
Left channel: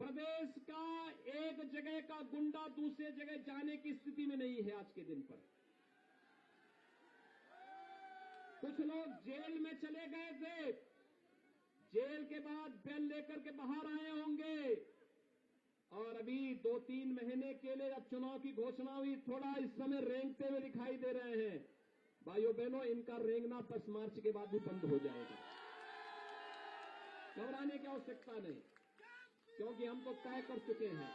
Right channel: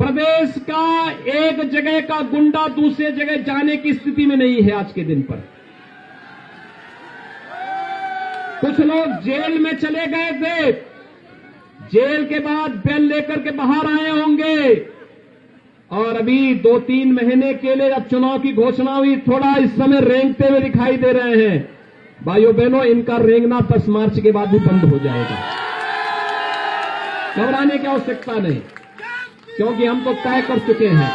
प्रदेश का एक जगह का गुंडा दूसरे जगह जाने की स्थिति में नहीं है। आज के दिन पर कुछ लोग जेल में चले गए थे, जेल के बाद बेल लेकर के बाहर आए होंगे, और अभी 2-3 महीने के लिए जब चुनाव की घोषणा हुई, थोड़ा इस समय रेंगते हुए दिखाई दे रहे हैं। भाइयों बहनों, इनका रेंगना 10 मार्च के बाद भी बंद हो जाएगा। घबराने की आवश्यकता नहीं, क्योंकि हम तो तय कर चुके हैं।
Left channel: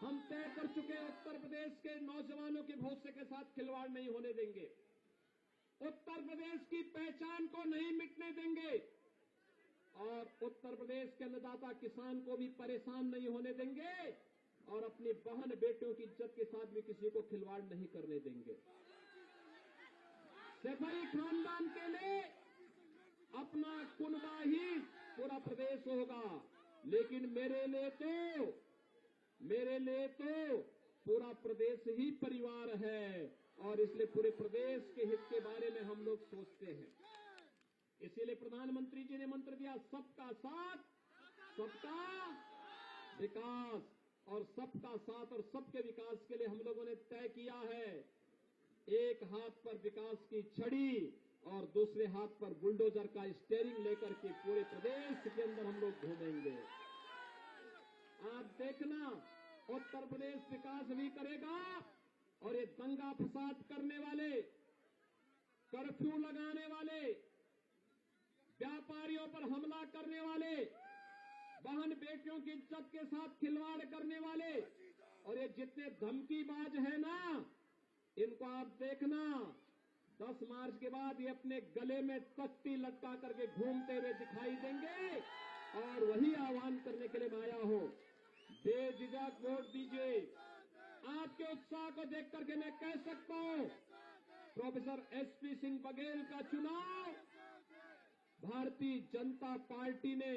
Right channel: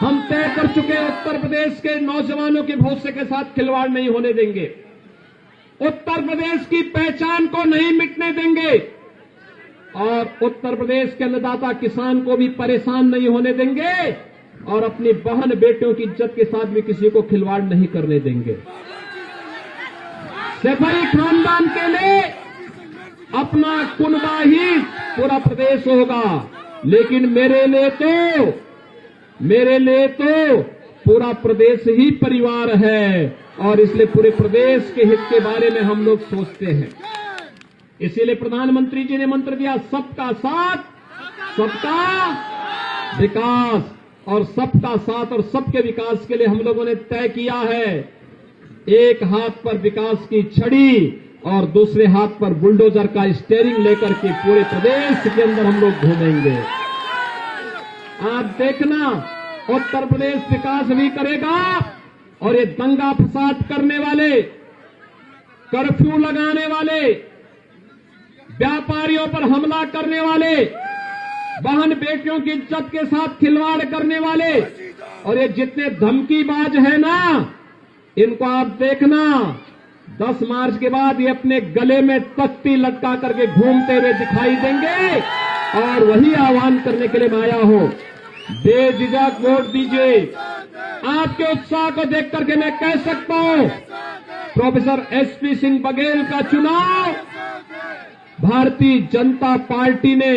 हम तय कर चुके हैं, उत्तर प्रदेश के नौजवानों के भविष्य के साथ खिलवाड़ नहीं होने देंगे, उत्तर प्रदेश की पहचान को नहीं मिटने देंगे, और उत्तर प्रदेश के अन्नदाता किसान को भी परेशान नहीं होने देंगे, और अपनी बहन बेटियों की इज्जत के साथ भी किसी को खिलवाड़ नहीं करने देंगे। सिपाही खानदान के लिए अपना कुनबा ही पूरा प्रदेश होगा, लेकिन मेरे लिए तो पूरा प्रदेश ही परिवार है, और इसलिए पूरे प्रदेश के हित के बारे में हम लोग सोचते हैं। इसीलिए प्रधानमंत्री जी ने मंत्र दिया, सबका साथ सबका विकास, और सबका साथ और सबके विकास के लिए हम लोगों ने तय किया है, एक हाथ पर विकास की छड़ी और दूसरे हाथ पर बुलडोजर का स्टीयरिंग लेकर के पूरे प्रदेश के अंदर हम लोग घूमेंगे। आप देखना, उत्तर प्रदेश विकास भी करेगा और ये दंगा फसाद करने वाले, कर्फ्यू लगाने वाले, व्यापारियों पर हमला करने वाले, बहन बेटियों की इज्जत के साथ खिलवाड़ करने वाले और ये जितने धमकीबाज हैं ना, इनको आप देखना 10 मार्च के बाद ये अपने गले में तख्ती लटका करके घूमते हुए दिखाई देंगे। और वही आह्वान करने के लिए मैं आया हूं, बेझिझक वोट दीजिए। आपके उत्साह को देख करके मैं कह सकता हूं, प्रोफेसर एसपी सिंह बघेल का चुनाव भारतीय जनता पार्टी ने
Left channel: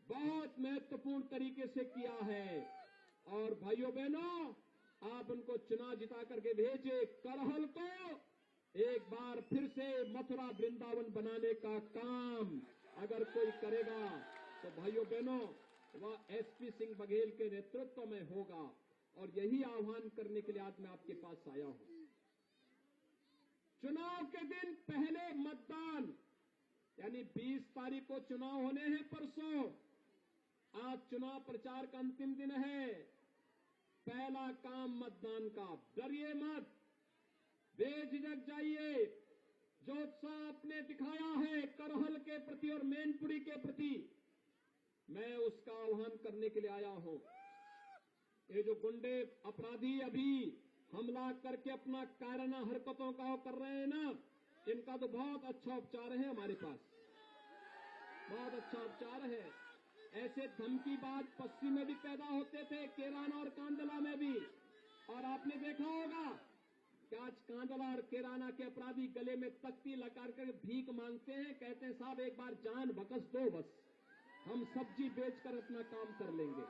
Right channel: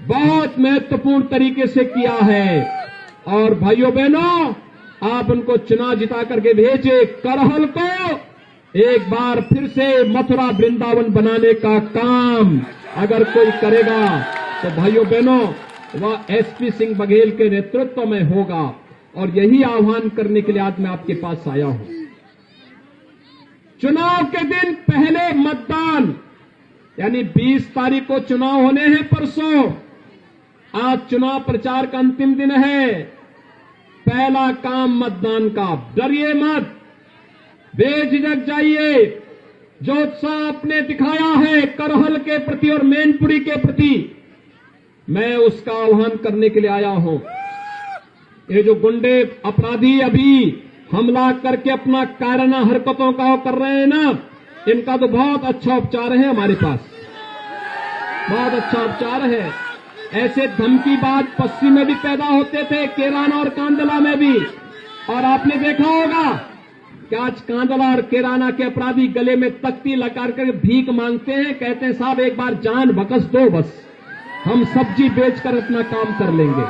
बहुत महत्वपूर्ण तरीके से किया है। और भाइयों बहनों, आप उनको चुनाव जिता करके भेजे, करहल को एक बार फिर से मथुरा वृंदावन बनाने का काम अगर कोई करेगा तो भाइयों बहनों वह एसपी सिंह बघेल के नेतृत्व में होगा। और यही आह्वान करने के लिए आज मैं आपके पास आया हूं। चुनाव के दिन पहले मतदान, यानी 20 तारीख को चुनाव होने हैं परसों। आज चुनाव प्रचार का अंतिम दिन है। पहला काम मतदान का, डरिए मत, बेझिझक जाइए। जो उत्साह आपने दिखाया है करहल के प्रति और मैनपुरी के प्रति, मैं उसका आह्वान करने के लिए आया हूं। ये जो गुंडे अपराधी अभी हमला करके अपना कायराना हरकतों का कर रहे हैं ना, इनका तो बहुत अच्छा उपचार है हमारे पास, बहुत अच्छा उपचार है। ऐसे धमकीबाज पश्चिम में भी पैदा होते थे, केराना और कांदला में भी। और आपने देखा होगा कि आज कांदला और केराना के अपराधी गले में तख्ती लगा कर भीख मांगते हैं, कहते हैं साहब एक बार जान बकस दो, बस हम सब्जी बेचकर अपना काम कर लेंगे,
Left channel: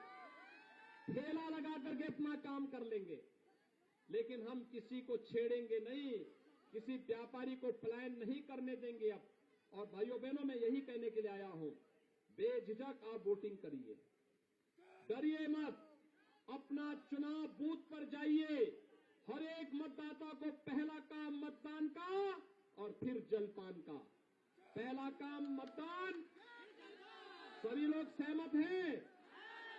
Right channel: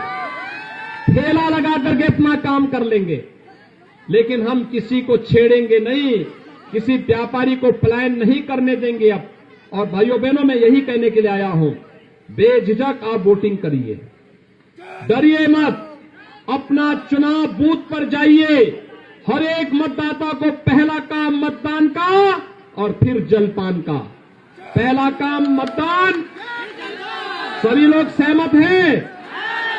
ठेला लगा करके अपना काम कर लेंगे, लेकिन हम किसी को छेड़ेंगे नहीं, किसी व्यापारी को पलायन नहीं करने देंगे अब। और भाइयों बहनों, मैं यही कहने के लिए आया हूं, बेझिझक आप वोटिंग करिए, डरिए मत। अपना चुनाव बूथ पर जाइए। हर एक मतदाता को पहला काम मतदान का और फिर जलपान का। पहला काम मतदान। सभी लोग सहमत हैं?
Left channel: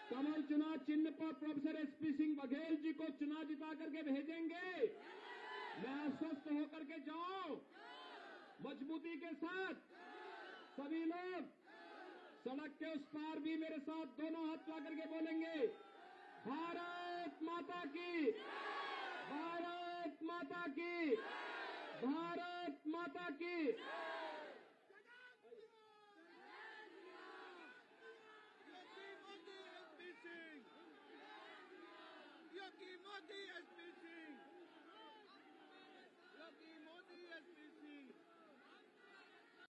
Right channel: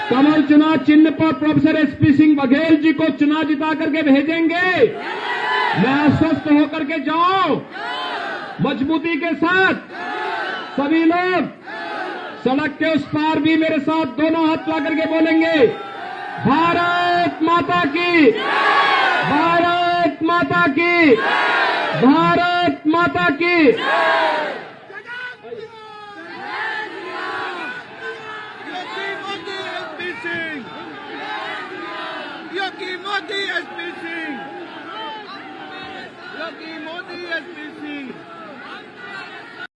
कमल चुनाव चिन्ह पर प्रोफेसर एसपी सिंह बघेल जी को चुनाव जिता करके भेजेंगे। मैं आश्वस्त होकर के जाऊं मजबूती के साथ। सभी लोग सड़क के उस पार भी मेरे साथ दोनों हाथ ला करके बोलेंगे, भारत माता की, भारत माता की, भारत माता की। योगी मोदी एसपी सिंह, योगी मोदी एसपी सिंह।